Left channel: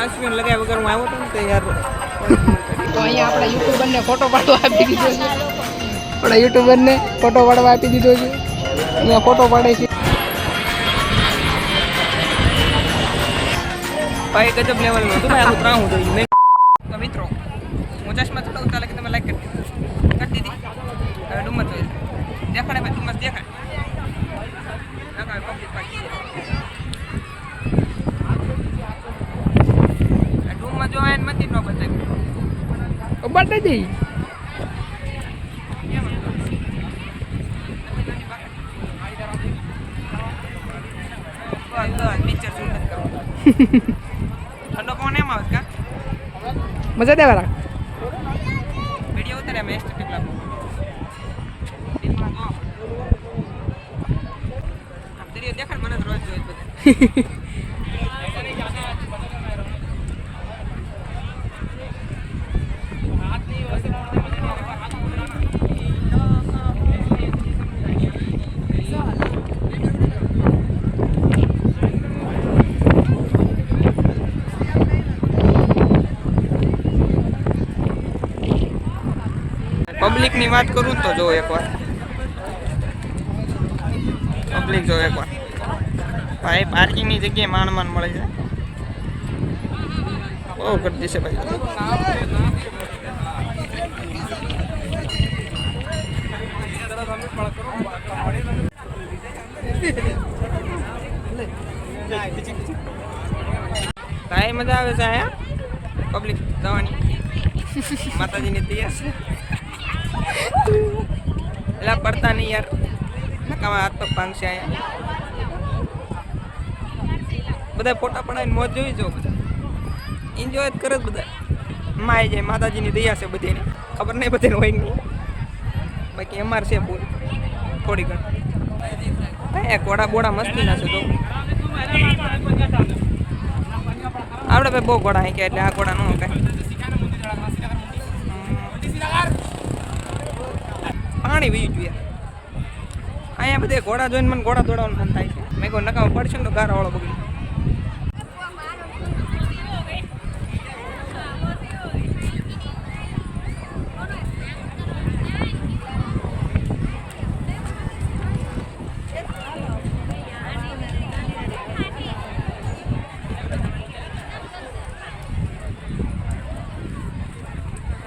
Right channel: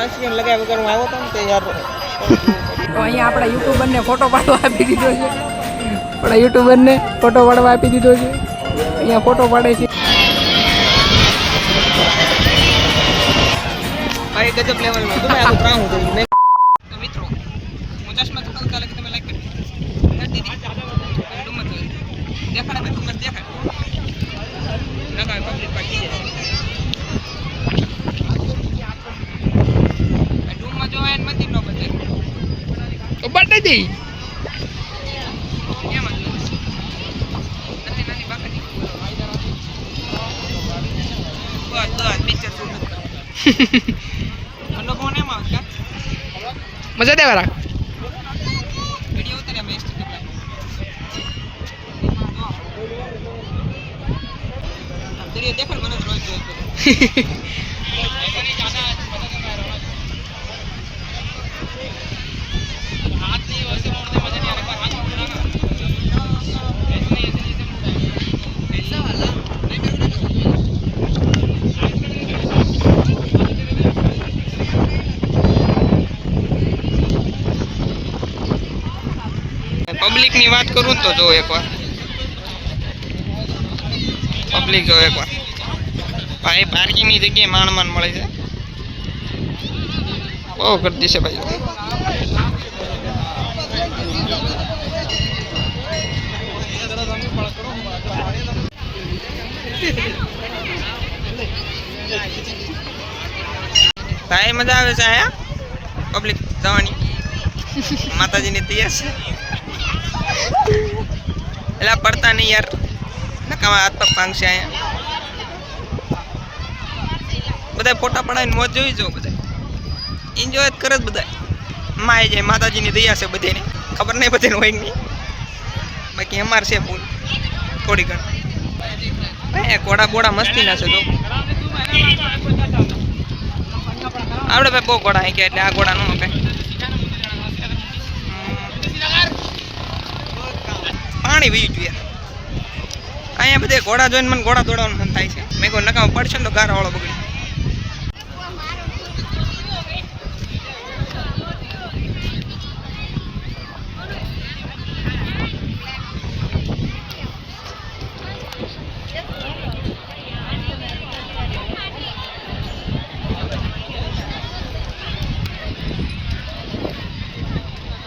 Sunscreen લગાવ્યા વગર હું આવ્યો હતો ને તે યાર તો અહીંયા આપણા યુટ્યુબરને ફોટો પાડવા આપી દીધો છે. આપણા યુટ્યુબરને ફોટો પાડવા આપી દીધો છે. અહીંયા ફોટો પાડે છે. ભાઈ ગજબ લેવલનો હતું ભાઈ. આનું ત્રાહું થઈ ગયું. તો મિત્રો હું ચશ્મા ચડાવતા લાગે તમે લાઈક કરી દીધી. હવે ડુમસ દેખાડે ભાઈ ડુમસ દેખાડ નકા પબ્લિક પાકી જાય. ડુમસ જો એને મંદિર નો બતાવ્યું તો બતાવી દઈ. ઠંડો પવન એમ આવે કા મજા દેવા રાખ. વિડીયો ઉતારે અમે એસ્ટેટિક લાગો વિડીયો દેખાડ મને રોજ જોઈ બધે. પબ્લિક ની વાત કરું તો જો એકવાર પબ્લિક જો એકવાર ભાઈ પાર્કિંગ ની જગ્યાએ માંડ મળે છે. બહુ ગર્દી છે ભાઈ. ભાઈ મજા આવે છે અહીંયા પબ્લિક જવાની. માતાજીની તૈયાર છે એટલે પડતા નહીં યાર નકામાં હાથ પગ ભાંગશે અહીંયા. બધા ફોટા પડાવીને મોજ જોઈ જાઓ. બધા એન્જોય જ કરે જ બધા. માય જાય માતાજીની દયા છે બધાને. ખબર નહીં બધાને હોય નહીં બાકી અમારે છે ફૂલ થોડી ઘણી. ઘોડા બોડા મસ્તીના છે તો આપણે ભાઈ બહુ ઘોડા હાંક્યા એટલે આ ઘોડા ન કાંઈ. પાણી વીજ જોઈએ અહીંયા બધે ઘોડા જોઈને મને ઘોડા દોડાવવાનું મન થાય છે. મેં કોઈ નકામાં પડશે ને તો ગારા વાળો બગડી.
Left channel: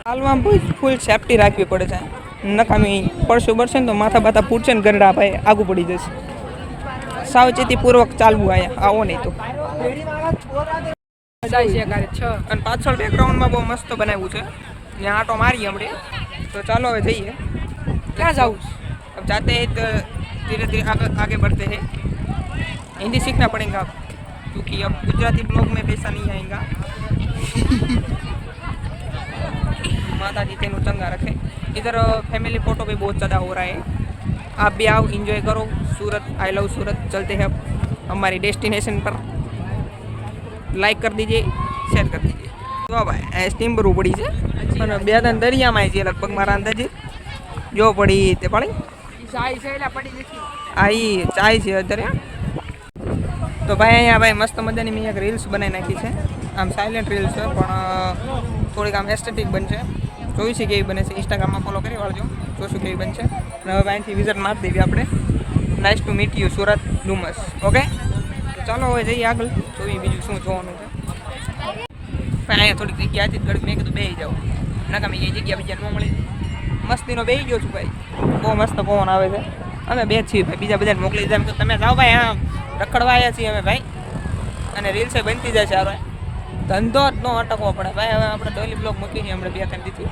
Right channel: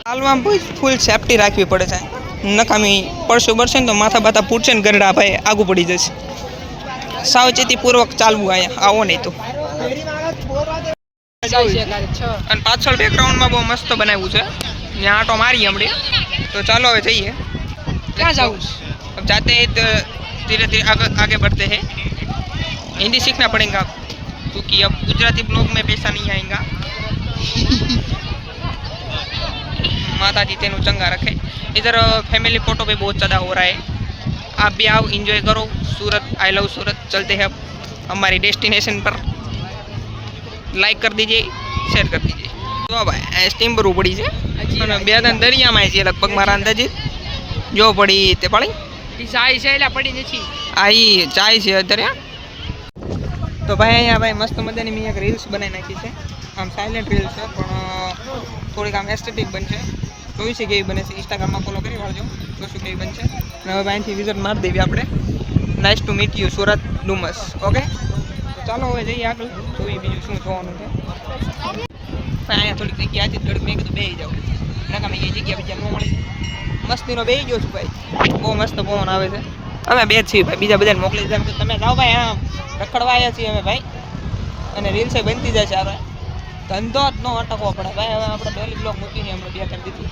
હાલમાં ફૂલ સેફટી રાખવી પડે છે. નકામી પડશે બળશે ને તો માથા બાથા ફૂટશે ને ગરડા ભાઈ આગું પડી જશે. સાવચેતીપૂર્વક ચાલવું અહીંયા આવો નહીં તો. અને પાછળ બેકગ્રાઉન્ડમાં બહુ મસ્ત બનાવ્યું છે. ત્યાં આટો મારીએ હમણાં તો ચાલો હવે જઈએ. ક્યાં જવું? अब जाते हैं तो धीरे धीरे आगे बढ़ते हैं. हिंदी सीखना पड़ेगा क्योंकि अब गुजराती ब्लॉग में पैसा नहीं आएगा. माता जी तेनु चंगा रखे. इधर फैमिली फोटो पे बहुत ज़्यादा हो रहा है. आप भी आओ एंजॉय करो. सूरत आई लव सूरत. चलते हैं अब हमारी डेस्टिनेशन पर. लाइक कर दीजिए शेयर कर दीजिए. તો ભાઈ સ્ટીમ પર પડી છે અને બે ત્રણ દરિયામાં છે લગભગ મારા અંદાજે જો પડી તે પડી ચાય છે એટલે પડી નથી. આ ઈ ચાય છે અત્યારે. તો ભાઈ અહીંયા ભાઈ મસ્ત મજાની મેં એક રીલ્સ બનાવી નાખી છે. આમ સાયલેન્ટ રીલ્સ છે પણ થોડીક આમ એસ્થેટિક બનશે. જોઈશી કેવી બને છે. ઇન્સ્ટાગ્રામમાં ફોલો કરી વાળજો જોશું કેવી બનશે. અને હવે અહીંથી વિઝિટ મારી દેવી આપણે. Nice to meet you Surat Dumas. Okay ચાલો હવે જઈએ આગળ જોઈએ બીજું શું જોવાનું છે. અહીંયા થોડીક જગ્યા હતી થોડીક મેં કીધું બેસી જાઓ નકામી એ જગ્યા બીજા ન મળી. મસ્તીનો બેસી ગયો છું ભાઈ. બહુ મસ્ત પવન આવે છે. અમે બે જ છીએ ભાઈ બીજા બધાને મોકલી દીધા કે તમે જાઓ ભાઈ આમ રખડવા આવ્યા છીએ અમે ભાઈ. અને રીલ્સે બનતી જાય છે આપણે. ધંધો જ ન અટકવો પડે ભાઈ. હવે આપણે ડોલી બ્લોગ મૂકીને હમણાં બે કરી દીધી.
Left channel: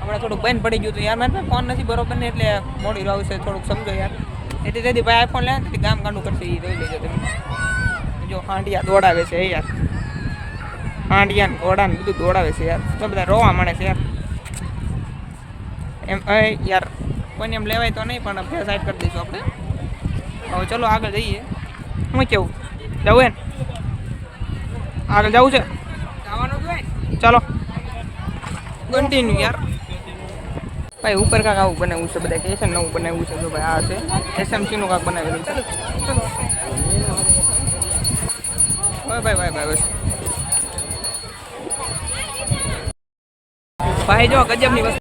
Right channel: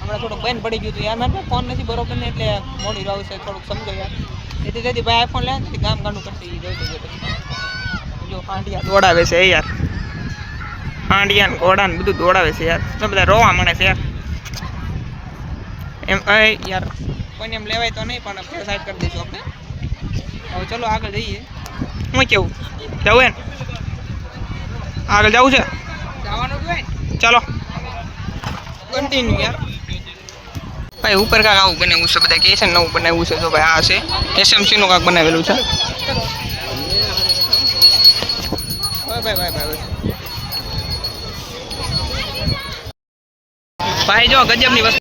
હમણાં થોડુંક બંધ પડી ગયું હતું યાર. મારે ફોન નથી બરોબર ને એટલે મોડી આવશે થોડુંક સમજો યાર. એટલે તેથી ભાઈ આઈફોન લે ને ગામ ગાંડું કરશે એ જોઈ લેજો પછી. જો હાંડિયા દોડાવે છે યાર. હાંડિયા ને ઘોડા ને બધું દોડાવે છે યાર. તો બધા રોવા મળે છે યાર. એમ યાર કોઈને એમ લેવાય તો નહીં પણ ફેર સાઈડ કરી દઈશું આપણે. હવે ચલો આગળ જઈએ. હું કેવું જવું ને આગળ જવું છે જવાનું જ હોય. ચાલો કન્ટિન્યુ યાર. ભાઈ ઉપર કાંક આવું બનાવ્યું છે બધા કહે છે નવું બનાવ્યું છે. જો ભાઈ આ છે એસએમસીનું કાંક બનાવેલું છે. ભાઈ ભાઈ ભાઈ ભાઈ ભાઈ જો ગજબની વસ્તુ.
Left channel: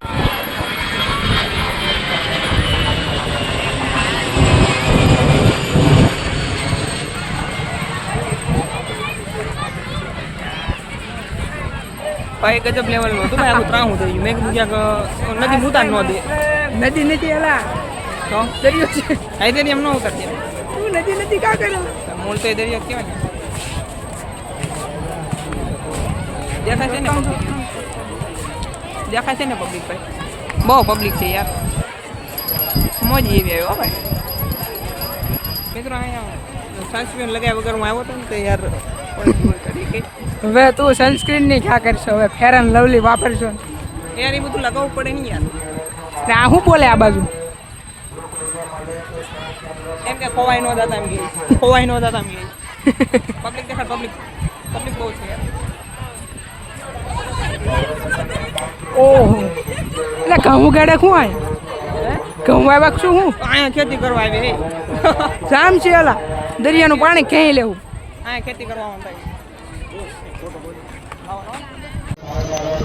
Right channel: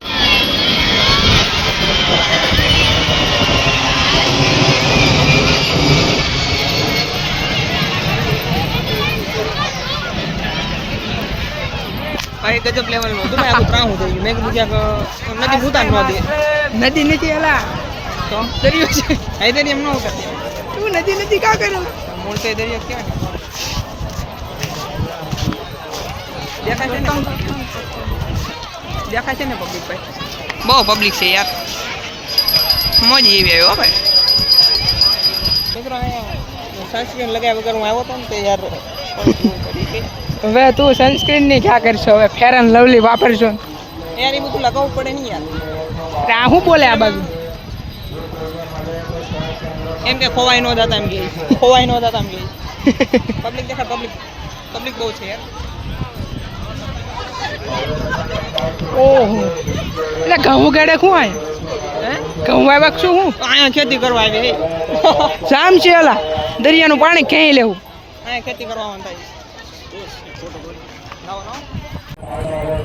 ભાઈ ગજબ લેવલનું હતું ભાઈ, આખું ત્રાહું થઈ ગયું. મેં કીધું ક્યાંક નદી મૂતા ન દે નદી નથી એલા તો દરિયો છે આ દરિયા એમ ન ઉતારતી. તું નદી નથી કા કરો મૂળ તો એ દરિયા કહેવાય ને. દેખાય છે ને દેખાય છે ને પબ્લિક ભાઈ, બહુ પબ્લિક છે યાર, મોજ એવી આવ્યો ભાઈ. મિત્રો અહીંયા સનસ્ક્રીન લગાવ્યા વગર હું આવ્યો હતો ને તો યાર હવે તું સનસ્ક્રીન ની ક્યાં કરશો, હવે ફેર એન્ડ લવલી વાપરશો યાર, એ બધું લગાવવું પડે નહીં યાર. આ શું બોલે આ બાજુ એમ કે ખોવાઈ ન જતા એમ કે ખોવાઈ ન જતા એમ કે પબ્લિક દેખાડ, પબ્લિક બહુ છે યાર. ઓહો એટલે ઘઉં ગાડે શું આય ઘઉં આવ્યા શું હું અહીંયા ખેતી કરવા આવી જામ છે ઓલા દરિયાનું પાણી ક્યાંય લેવું અહીંયા ખેતી કરવા થાય.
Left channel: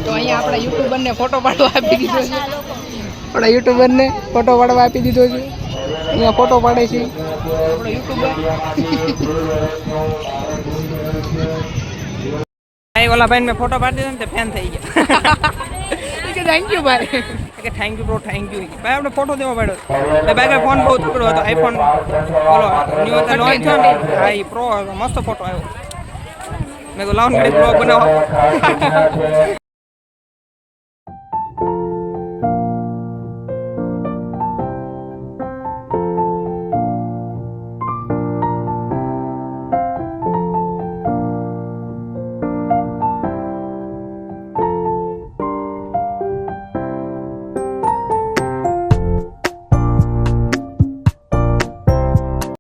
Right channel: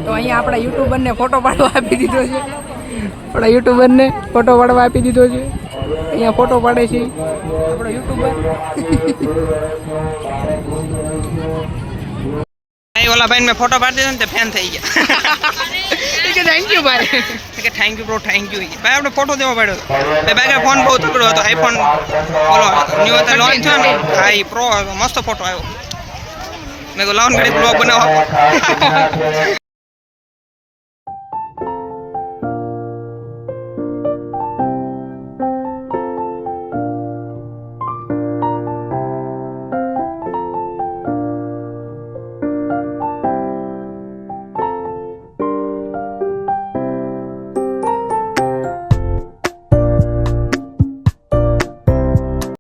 તો અહીંયા આપણા યુટ્યુબરને ફોટો પાડવા આપી દીધો છે, આપણા યુટ્યુબરને ફોટો પાડવા આપી દીધો છે. અહીંયા ફોટો પાડે છે આપણો યુટ્યુબર. ઓલા ભાઈ મેં ફોટો પાડી દીધો ને તે ફેન થઈ ગયા. કે થેન્ક યુ ભાઈ, કે thank you bro, thank you. ભાઈ આપણે ફોટો દેવા પડ્યો ભાઈ, ફોન બહુ તકડો હતો, આઈફોન ઓલો ન્યૂ હતો લોન્ચ થયો ને, હા એ પ્રો હતો, મસ્ત ફોટો આવ્યો. મેં કહું લાવન ઘડી બ્લોગ બનાવવા.